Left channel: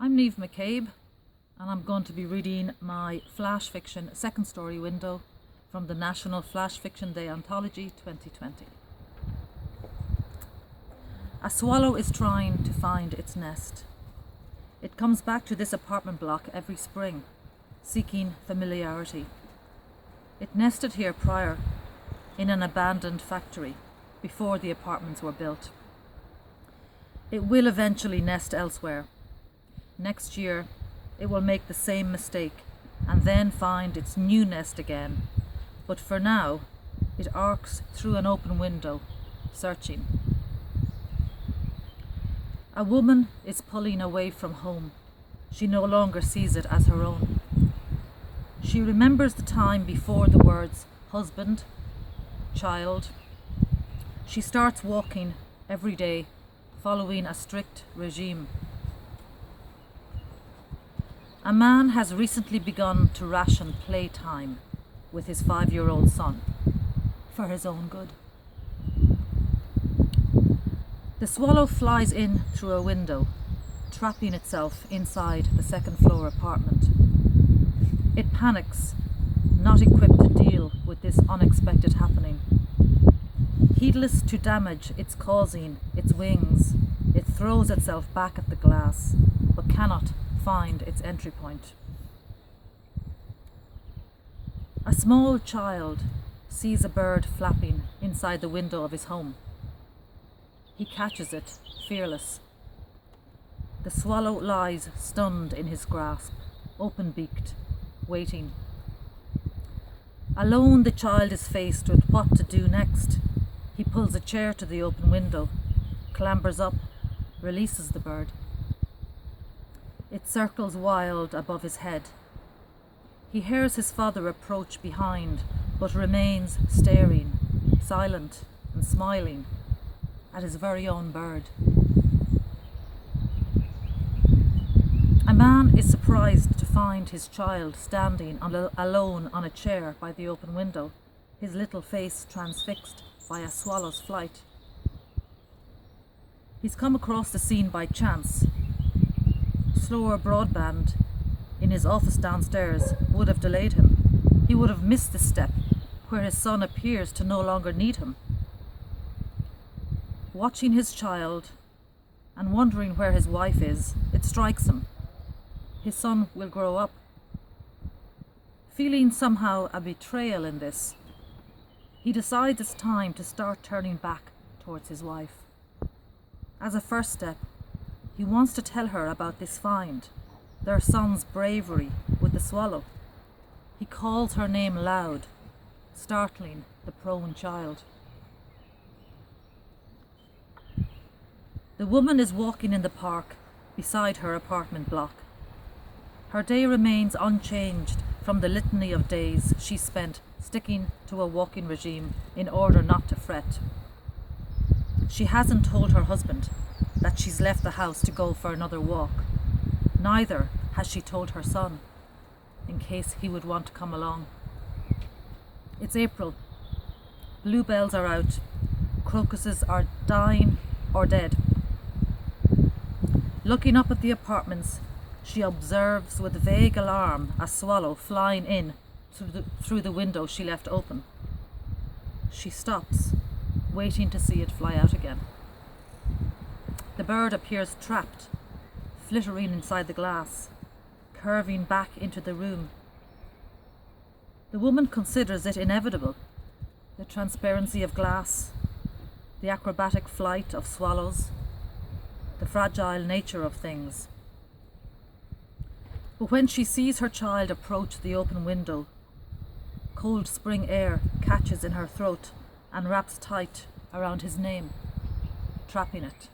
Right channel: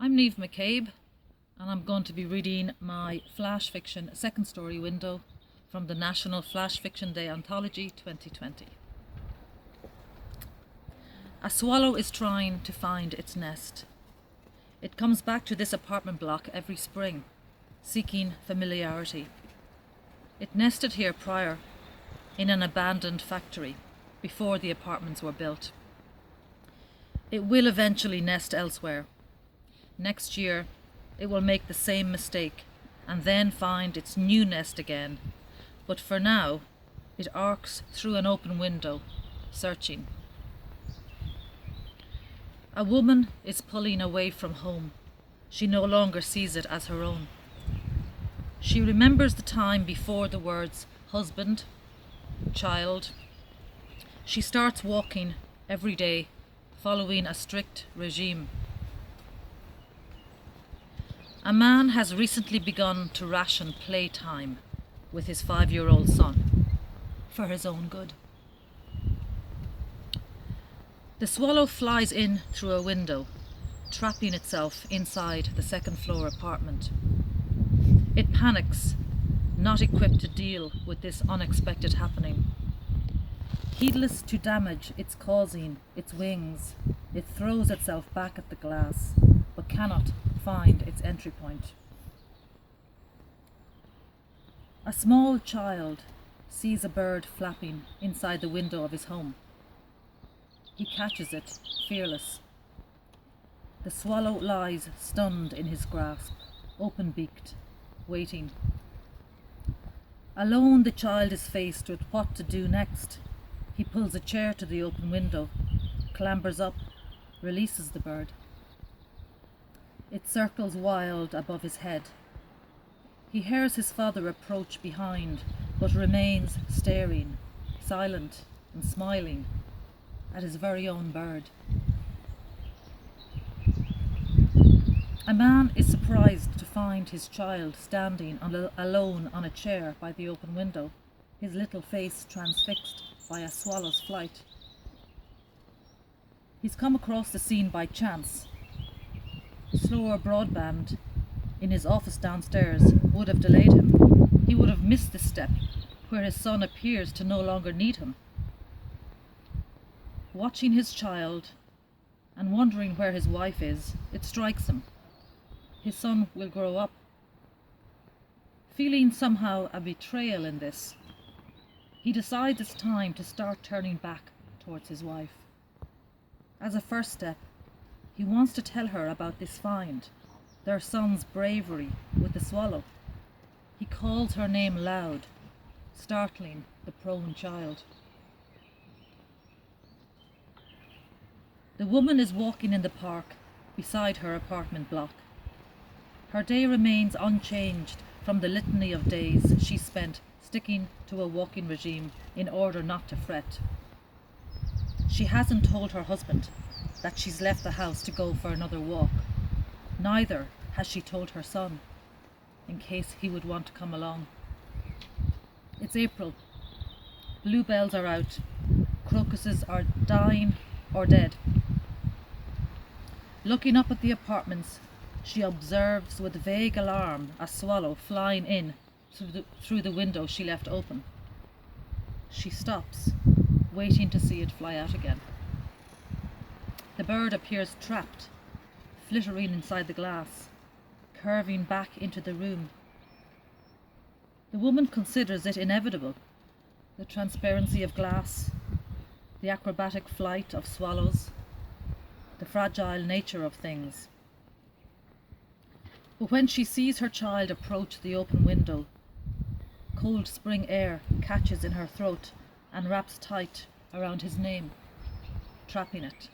I'm Niamh MacCabe, and I'm going to be reading my flash fiction second story window from the National Flash Fiction Day Anthology 2020. A swallow is trying to find its nest. It comes back to this apartment block every spring, seeking familiarity. It nested here prior, in an abandoned factory, before the apartments were built. It will eventually nest elsewhere. Next year, it will make the same mistake and then find its new nest again. But for now, it arcs through an open window, searching. A woman is pulling away from home. She no longer sees it as her own. She remembers the time before the words husband, child. She starts walking every day, following a strict regime. A man has recently begun to ration playtime with his 5-year-old son for his own good. The swallow flies in through a window, trapping itself inside the second-floor apartment. It panics, not equipped to deal with this unexpected happening. Heedless to damage it's causing its wings, it throws itself back at the glass, but cannot find its entry point. A small child sees a bird flapping inside the window of his home. He catches it, fearless. The swallow lies stunned in his grasp, open-beaked, waiting. Alone, the child is faced with what to do next. He pulls a chair to the open window, clambers up, releases the bird. It circles wild above his head. He hears his father approach behind, but remains staring, silent and smiling at his very own bird. A man is surprised to find his child standing alone on a chair by the open window, his little face transfixed by a swallow's flight. He's come across the scene by chance. Slower broadband in his office downstairs would have delayed him. He would have missed the step where his son appears to no longer need him. Watching his child and wondering where his wife is, it strikes him. His son will grow up. Feeling somehow a betrayal in this, he decides it's time to start turning back towards his wife. As a first step, he wants to tell her about this find, their son's bravery with the swallow. He calls her name loud, startling the prone child. The woman is walking in the park beside her apartment block. Her day remains unchanged from the litany of days she spent sticking to a walking regime in order not to fret. She hasn't told her husband that she's left the house to go for another walk. Neither has she told her son, in case he would want to come along. It's April. Bluebells are out. Crocuses are dying or dead. Looking up at the apartments, she observes with vague alarm a swallow flying in through the window she left open. She stops, waiting to see it fly out again. The bird appears trapped, flittering inside the glass, curving back into the room. The woman considers it inevitable, the transparency of glass, the acrobatic flight of swallows, the fragile nature of things. But when she sees her child approach the open window, cold spring air catches in her throat and wraps tight around his name, trapping it.